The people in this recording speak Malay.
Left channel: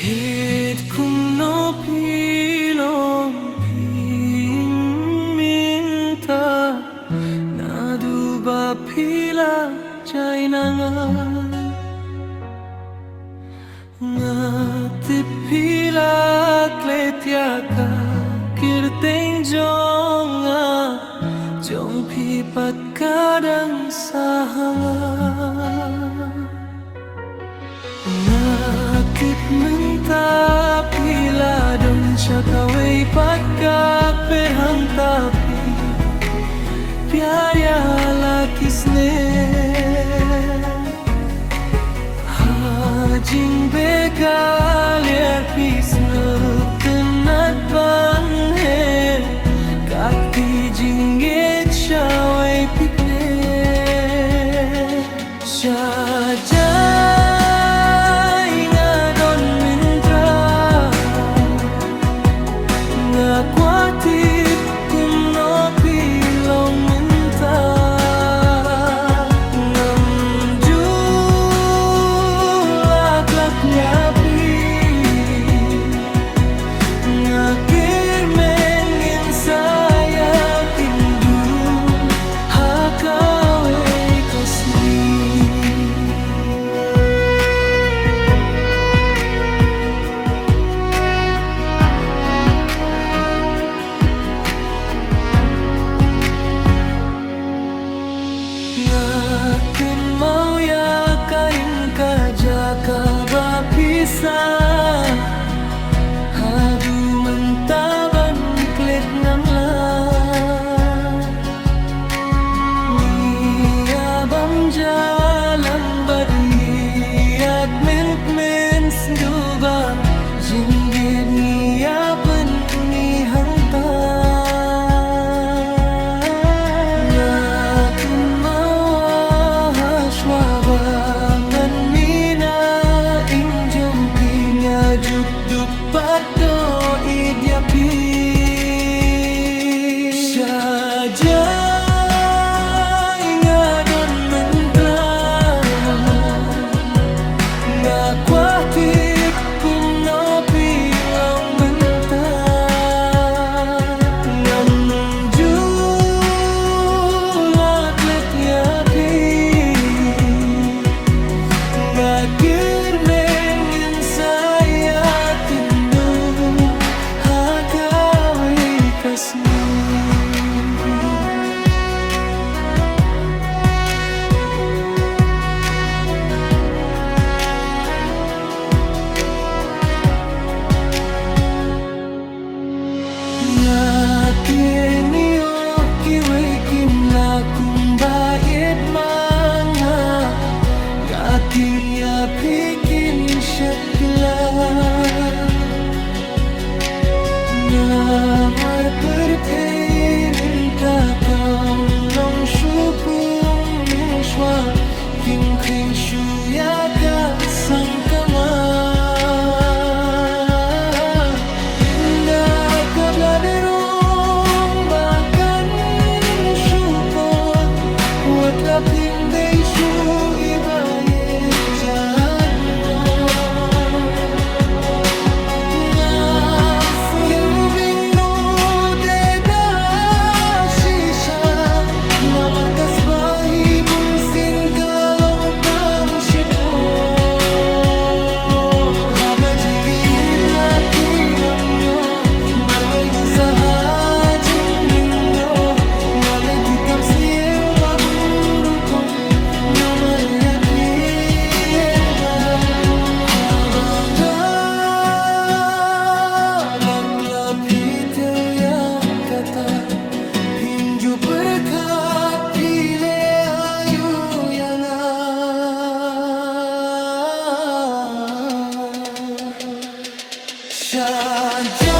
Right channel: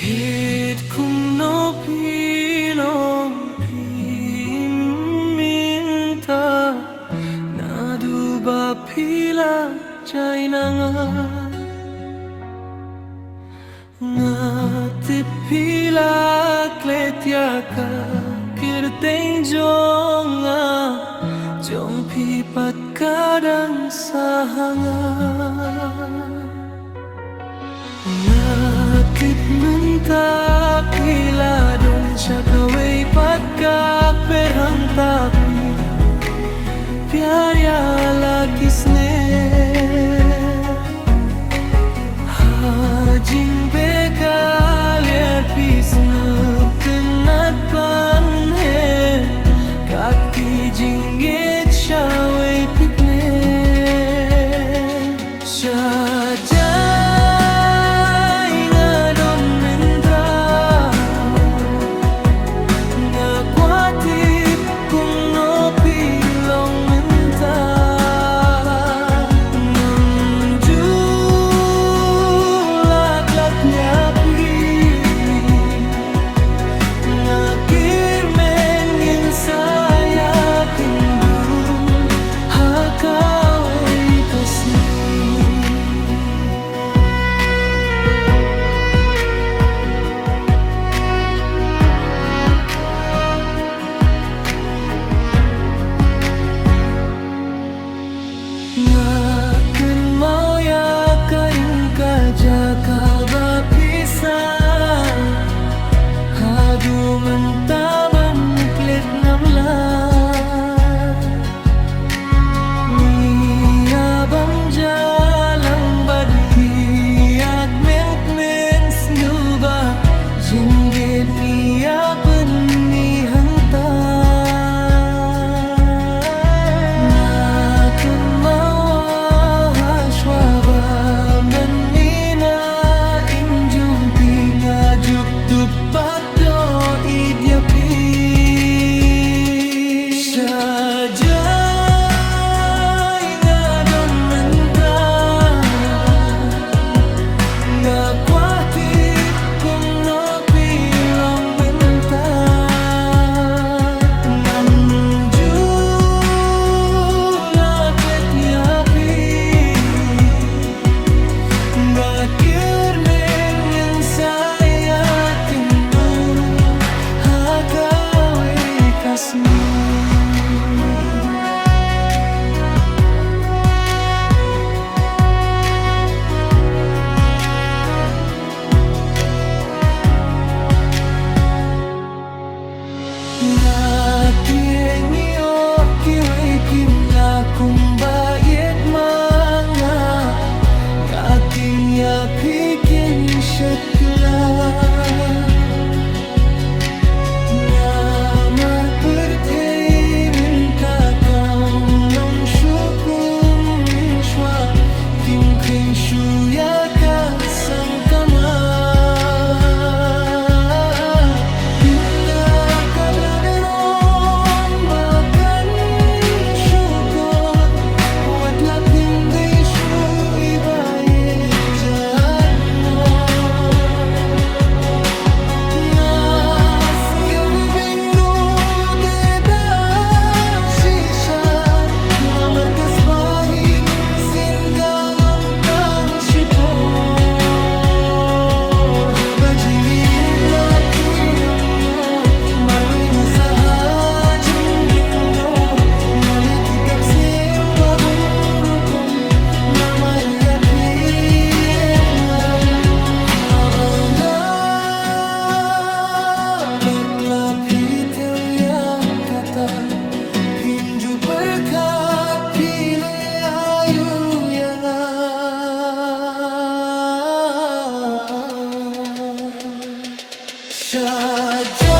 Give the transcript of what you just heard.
Heet kum no pilong minta nadu ba pila jai nanga ngati pila kletia ka kirteng jonga jong pipat kadang sahanga Natip menta pila don chakaway patka perhang tapi प्यार्या ला किसने Hajing bekal yer pisna tenat ban he Kakti jingget shaway pikne Shajay nga don mentra Nga kwatip kum no pilong ngakir mengin saya kindu hakawe kasni ngaken mau ya karing kajaka bapisah Hadu mentaban klet ngamla Niabam jalang badiat men snuba Jinggit ngiapan ni hangta Ngaken mawa haswaba man mina injumpi ngajuk dupat do idyapi Shajay nga don mentra nga kwatip kum no pilong menta ngam jula klet yapi nga kirmen yin saya hakawe kasni Ngatienio kiway kimla kumbayet mga Ngating yapikin syet kila Namar pertay minta kam long syukum min shwa Kim kring shuya ka sang kama Indah ka bladerong bakan syukot Wat lapim day shu ibayet jadmo Markas pahibong sin kalong kang sipor Haba jinggit na pingamyo Marwe nga sa hajing linggo Naliki kam sniyo bagong rukom Na Maria piet nga dong Habang bakla pitew ya kata Himju perkat pile ayu yang Shajay